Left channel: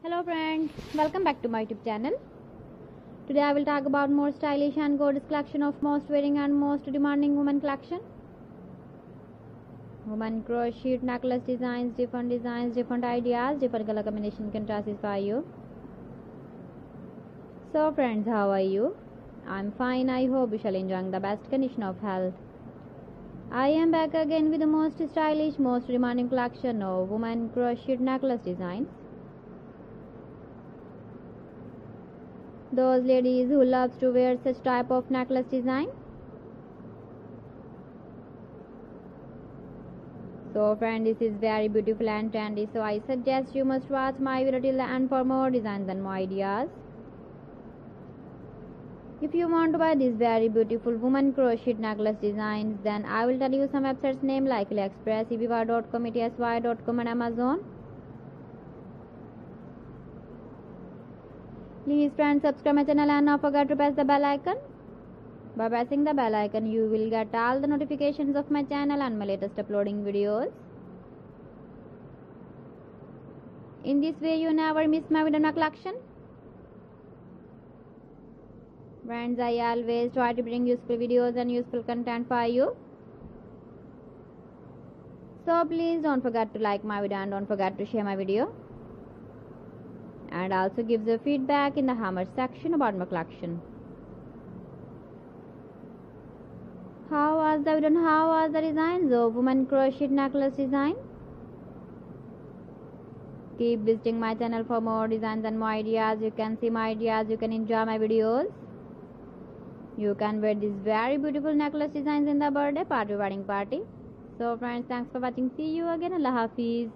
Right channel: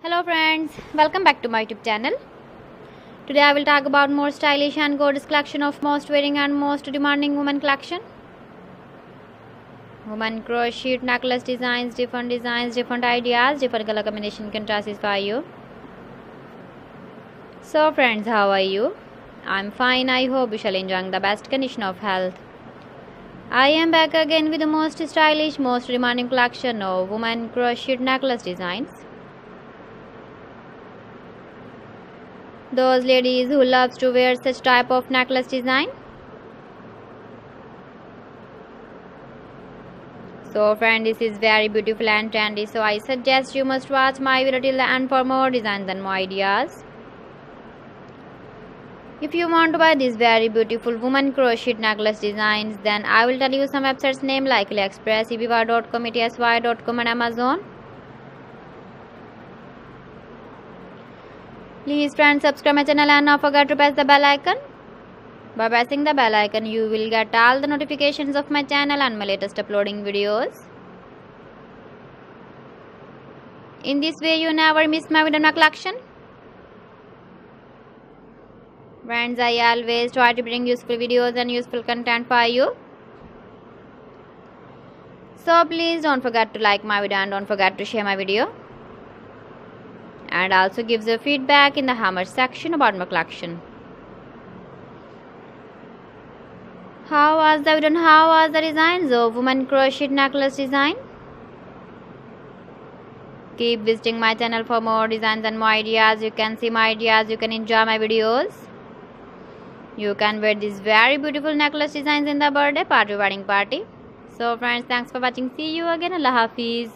Hello friends, welcome back to my YouTube channel. Today I will talk about more stylish and gorgeous collection of most wearing and most demanding women collection. Women crochet necklace designs, different ideas, different color combination can satisfy you. So friends, how are you? I'm fine. I hope you shall enjoy the best condition of health. I am back again with the most stylish, most demanding collection of women crochet necklace designs. Those ladies who loves to wear such type of necklace design. So friend, this is very beautiful and trendy, so I suggest you must watch my video till the end for more designs and more ideas. If you want to buy these very beautiful woman crochet necklace designs, then I will tell you some websites name like AliExpress, eBay.com, etsy.com and Amazon. Please friends, subscribe my channel and not forget to press the bell icon. By pressing the bell icon, you will get all the notifications of my channel and my latest uploading videos. In this way, you never miss my video collection. Friends, I always try to bring useful videos and useful content for you. So please don't forget to like my video and don't forget to share my video. And also give the feedback in the how much section about my collection. How was the video and how was the designs of women crochet necklace design? Keep visiting my channel for more designs and more ideas. You can see my ideas, you can enjoy my videos. You can wear these very beautiful necklace designs in the birthday party, wedding party. So friends, thanks for watching. See you again. Allah Hafiz.